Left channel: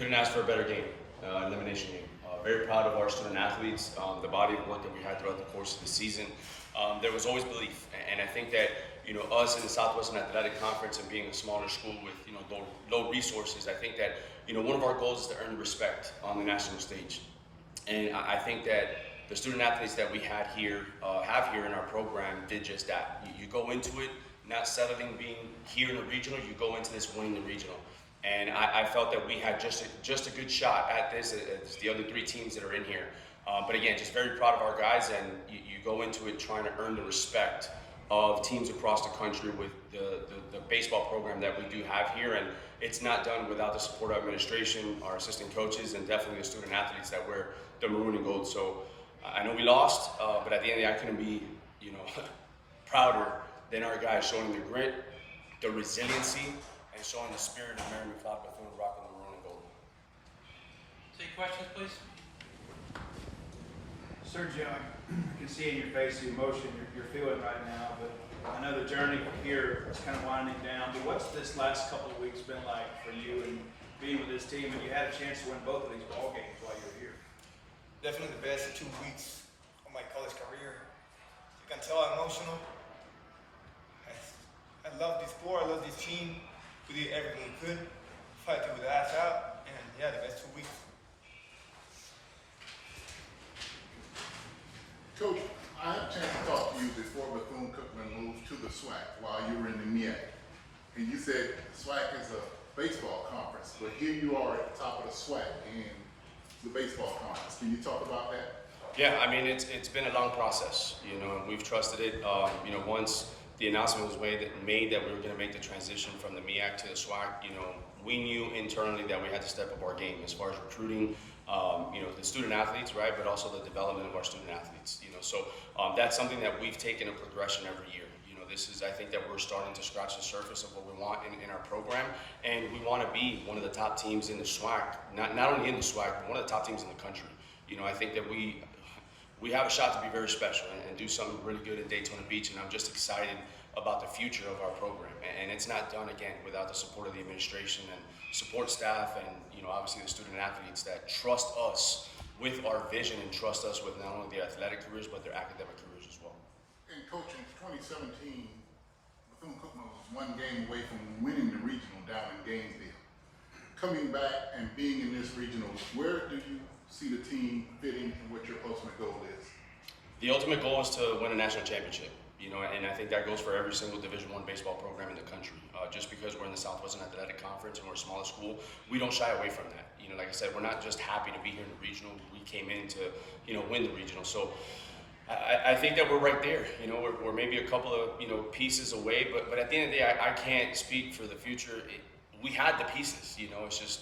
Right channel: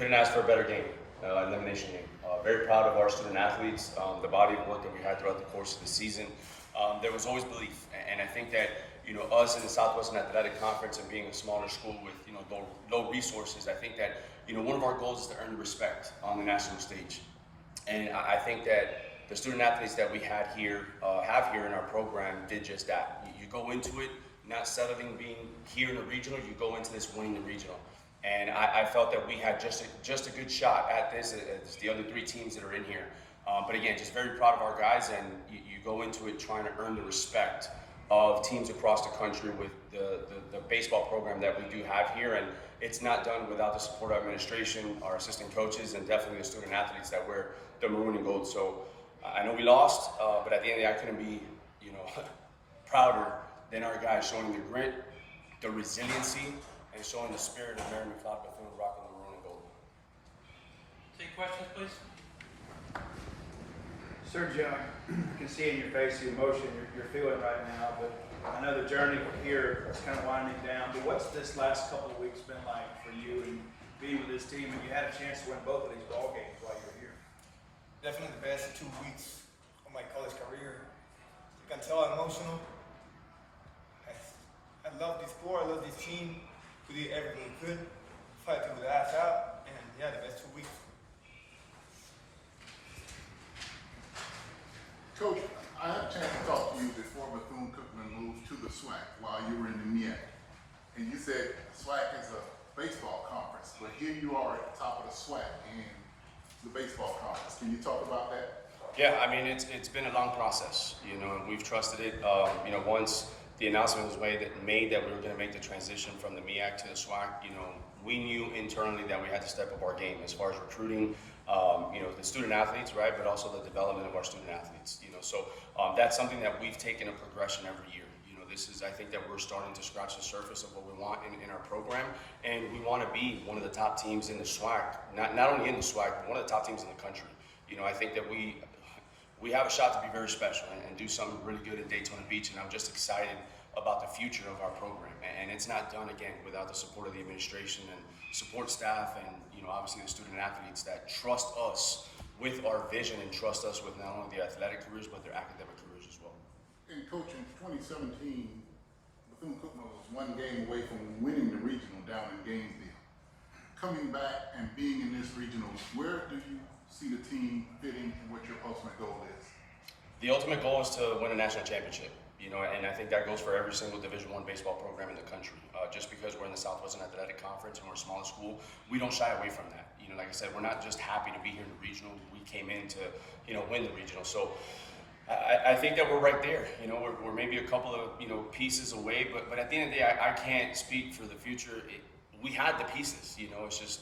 Couldn't ask for a better game, elimination game. Very proud of our student athletes, the body of work that we had throughout the course of the season. There was always belief, and I think that us in the Southwestern Athletic Conference and being a smaller school with low resources, I think that one of our goals is to earn respect on the national stage, and I think that the student athletes that we had here have here in our program did just that. You go into it not settling being here in the regional, you go into this winning the regional. And I felt that we had just a good shot at this as the other three teams that are in here. But again, just very proud of our guys, and you go into it trying to earn the respect of teams across the country with the baseball program that we do have here. And it's not done without the support of administration, our assistant coaches, and definitely the student athletes that wear the maroon and gold. So I know we lost, but at the end of the day, I couldn't be prouder than our guys showing the grit, the resiliency, and showing the spirit of Mary McLeod Bethune rocking the maroon and gold. Take questions, please. Sergio, I can see in your face the emotion you're feeling right now, but I know the journey from here is kind of winding down. But what's this last couple of weeks been like for you and being with this team? And you had a chance to win both of these ball games while you were here. Definitely the best 2 weeks of my college career. You can tell I'm emotional. I love this sport, I love this team. We did everything we could, fight with the ass out, and yeah, the best 2 weeks. Coach, I had a chance to talk to you before Bethune-Cookman moved to the SWAC while you were in the MEAC. And you said SWAC is a baseball conference, but here you are at the top of the SWAC in the baseball conference. Can you talk about that? Yeah, I mean, it's been a long process, and we've trusted it. Once the announcement was made that we were going to make the transition from the MEAC to the SWAC, we knew internally that we had to step up our game as far as recruiting, the student athletes, right, but also the development of our student athletes, So that's something that we've taken a progression every year. I think that we're starting to scratch the surface of what we want in our program, and we want to be one of the top teams in the SWAC, not only in the SWAC, but one of the top teams in the country. I think that we have a shot to be very special and do something really good in Daytona Beach, and I'm just excited about the future of our program. And it's not done, again, without the support of the administration and support staff and, obviously the student athletes that trust us with our vision and trust us with not only their athletic careers, but their academic careers as well. And Coach, in 2017, Bethune-Cookman was one game away from winning the regional down in Gainesville. Coming back and being in this regional, where do you see the team fitting and what your ultimate goal is? The ultimate goal is to win a national championship, and I think that goes for every single Division I baseball program in the country. Just because we're in the Southwestern Athletic Conference and we're a smaller school, we don't shy away from that. Like I said, we're not just happy to be here in the regional. We came in to, win the regional. So I think that we're right there. We're maybe a couple of, pieces away, but at the end of the day, I can't speak for the future. We had the pieces, it's just,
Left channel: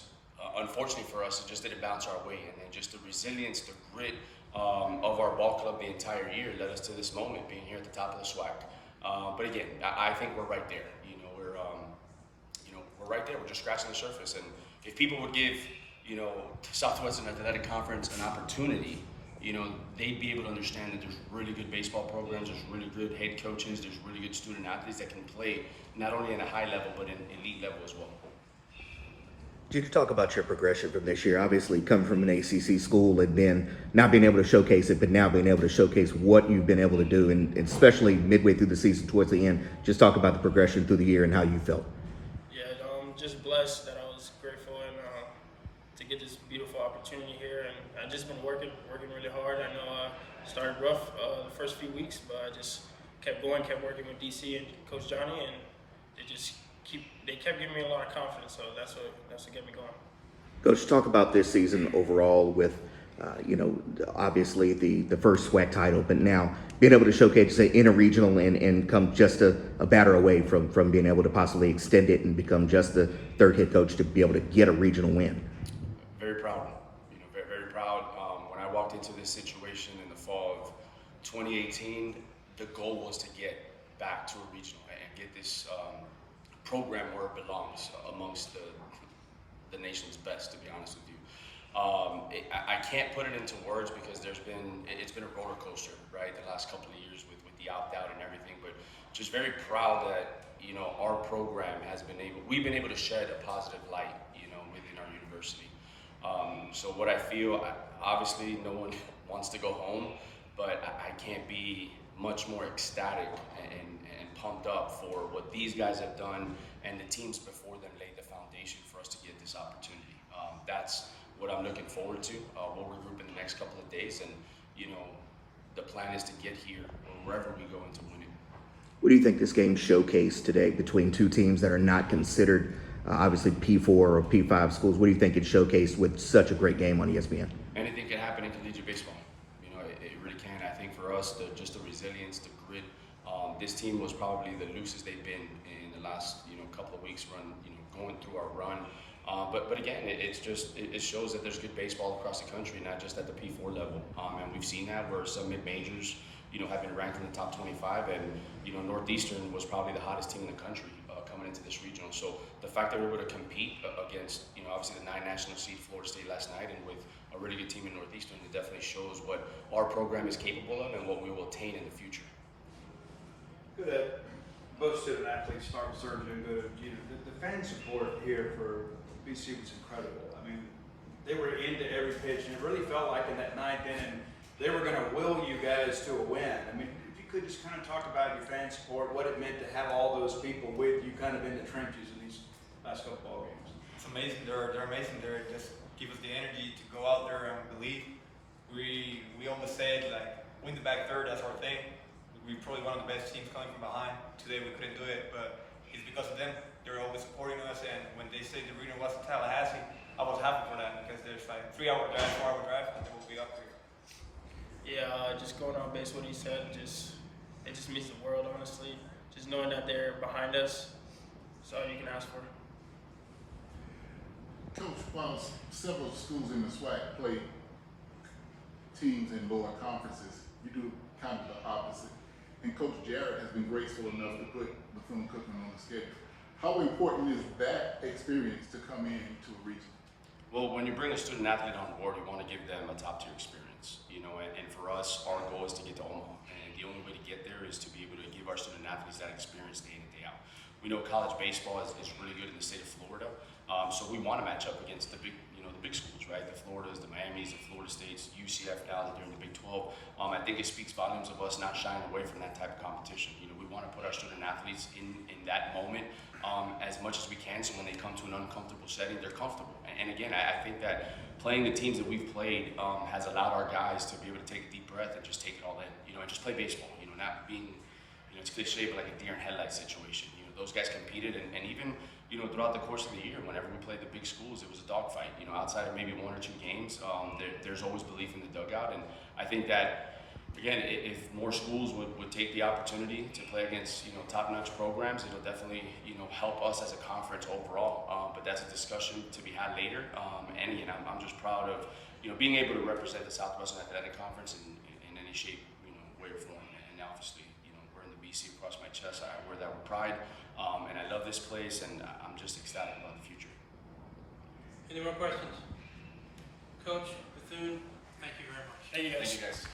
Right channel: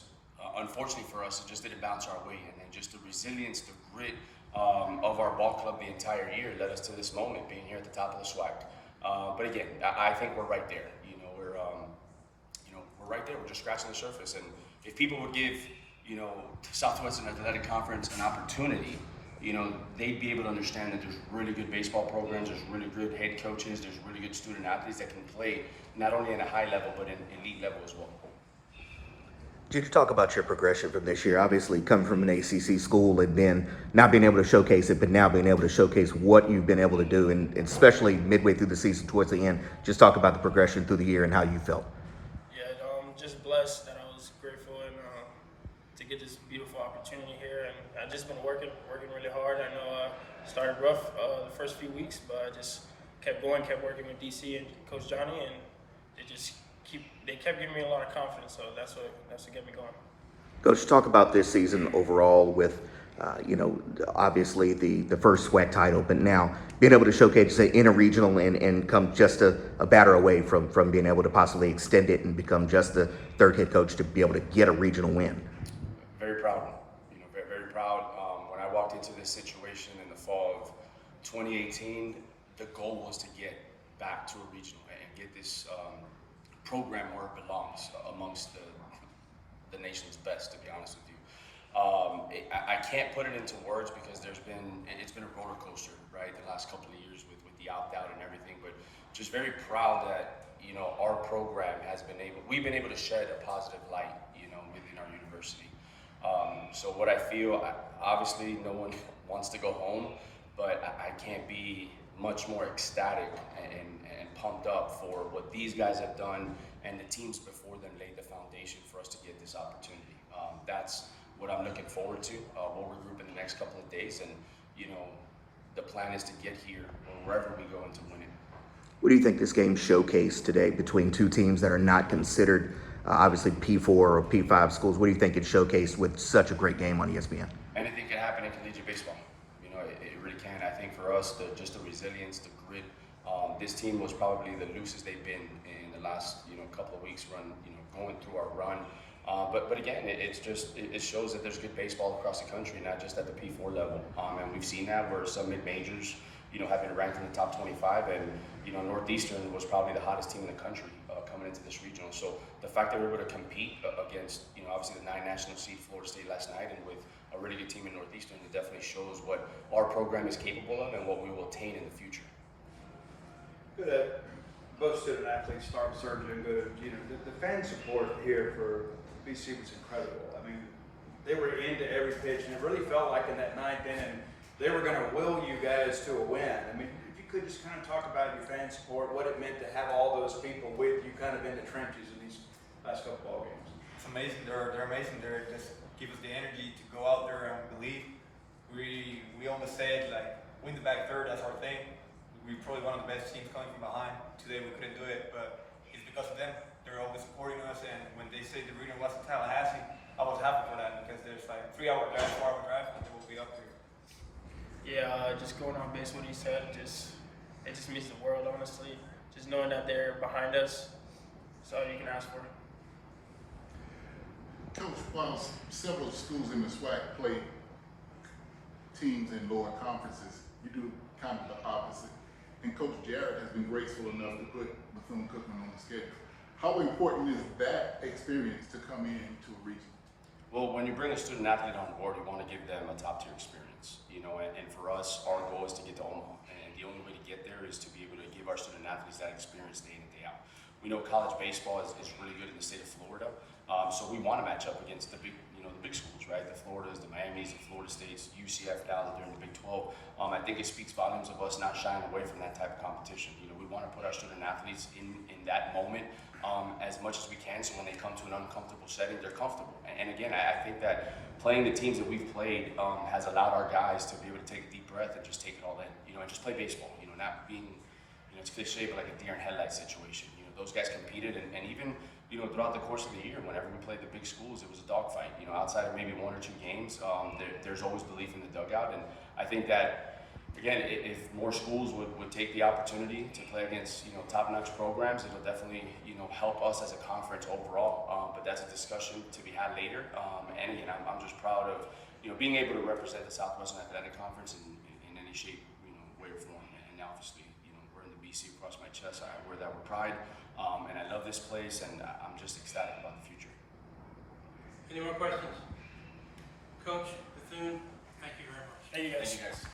unfortunately for us, it just didn't bounce our way. And then just the resilience, the grit of our ball club the entire year led us to this moment, being here at the top of the SWAC. But again, I think we're right there. We're right there. We're just scratching the surface. And if people would give, Southwestern Athletic Conference an opportunity, they'd be able to understand that there's really good baseball programs, there's really good head coaches, there's really good student athletes that can play not only at a high level, but in elite level as well. Could you talk about your progression from this year? Obviously, coming from an ACC school and then not being able to showcase it, but now being able to showcase what you've been able to do, and especially midway through the season towards the end, just talk about the progression through the year and how you felt. Yeah, just blessed that I was grateful and to get this beautiful opportunity here. And I've just been working really hard. I know I started rough the first few weeks, but I just kept going, kept working with DC and Coach Johnny, and they kept giving me a lot of confidence, so that's what kept me going. Coach, talk about this season overall with, obviously the first SWAC title, but now being able to showcase it in a regional and come just a batter away from being able to possibly extend it and become just the third head coach to be able to get a regional win. Very proud, very proud. When I walked into this situation in the fall of 2018, the goal was to get back to a regional and get this program where it belongs amongst the nation's best, to be honest with you. I can't put it into words because it's been a roller coaster, right, the last couple of years with the opt-out and everything, but just very proud that, our program we've been able to shed a positive light, within our university. So what I feel, obviously no one wants to go home, but I can't be much more ecstatic and pumped up for what these guys have done and the teams before them laid the foundation for us to get this opportunity. That's what I'm looking forward to. We'll regroup in the next couple of days, and the plan is to get here or wherever we go and to win it. What do you think this game showcased today between two teams that are not considered obviously P4 or P5 schools? What do you think it showcased with such a great game on ESPN? Anything can happen in collegiate baseball. It really can. I think for us, just the resilience, the grit. This team was probably the loosest they've been in the last couple of weeks going through our run. But again, it shows that there's good baseball across the country, not just at the P4 level. And we've seen that where some mid-majors have been ranked in the top 25, and Northeastern was probably the hottest team in the country coming into this regional. So the fact that we're able to compete against obviously the 9 national seed Florida State last night, and with a really good team in Northeastern, it definitely shows what our program is capable of and what we will attain in the future. Good. Both student athletes, start with Sergio and go to the fan support here for BC was incredible. I mean, they were into every pitch, and it really felt like in that 9th inning they were going to will you guys to a win. I mean, if you could just kind of talk about your fan support, what it meant to have all those people with you kind of in the trenches in these last couple ball games. It's amazing. They're amazing. They just give us the energy to go out there and believe. We almost said like win the back third. That's our thing. We're probably one of the best teams coming from behind. Today we couldn't do it, but it's because of them. They're always supporting us, and when they say the arena was in Tallahassee, I was happy for that because there's like 3-hour drive, 4-hour drive, and then we'll be up there. Yeah, just going on base what he said, it just means the world, honestly. Just knowing that they're behind us, that's all you can ask for. Coach, while several schools in the SWAC play teams in lower conferences, you do kind of the opposite. And Coach Jarrett has been graceful enough to put Bethune-Cookman on the schedule. How important is that experience to come into a region? Well, when you bring a student athlete on board, you want to give them a top-tier experience, and for us, our goal is to get to Omaha, and the only way to get there is to be able to give our student athletes that experience day in and day out. We know college baseball is really good in the state of Florida, so we want to match up against the big schools, right? The Floridas, the Miamis, the Florida States, UCF now that they're in the Big 12. I think it speaks volumes of us not shying away from that type of competition. We want to put our student athletes in that moment as much as we can, so when they come to an uncomfortable setting, they're comfortable. And again, I think that playing the teams that we've played has allowed our guys to be able to take a deep breath and just take it all in, and just play baseball. Not being, it's cliche, but like a deer in headlights situation. Those guys competed, and even throughout the course of the year, whenever we played the big schools, it was a dogfight. Outside of maybe 1 or 2 games, there's always belief in the dugout, and I think that, again, if more schools would take the opportunity to play against top-notch programs, it'll definitely help us as a conference overall. But that's a discussion to be had later. And again, I'm just proud of being able to represent the Southwestern Athletic Conference in any shape, way or form. And obviously, we're in the BC across my chest. I wear that with pride. And I love this place, and I'm just ecstatic about the future. Any more questions? Coach, Bethune, thank you very much. Thank you guys. Thank you guys.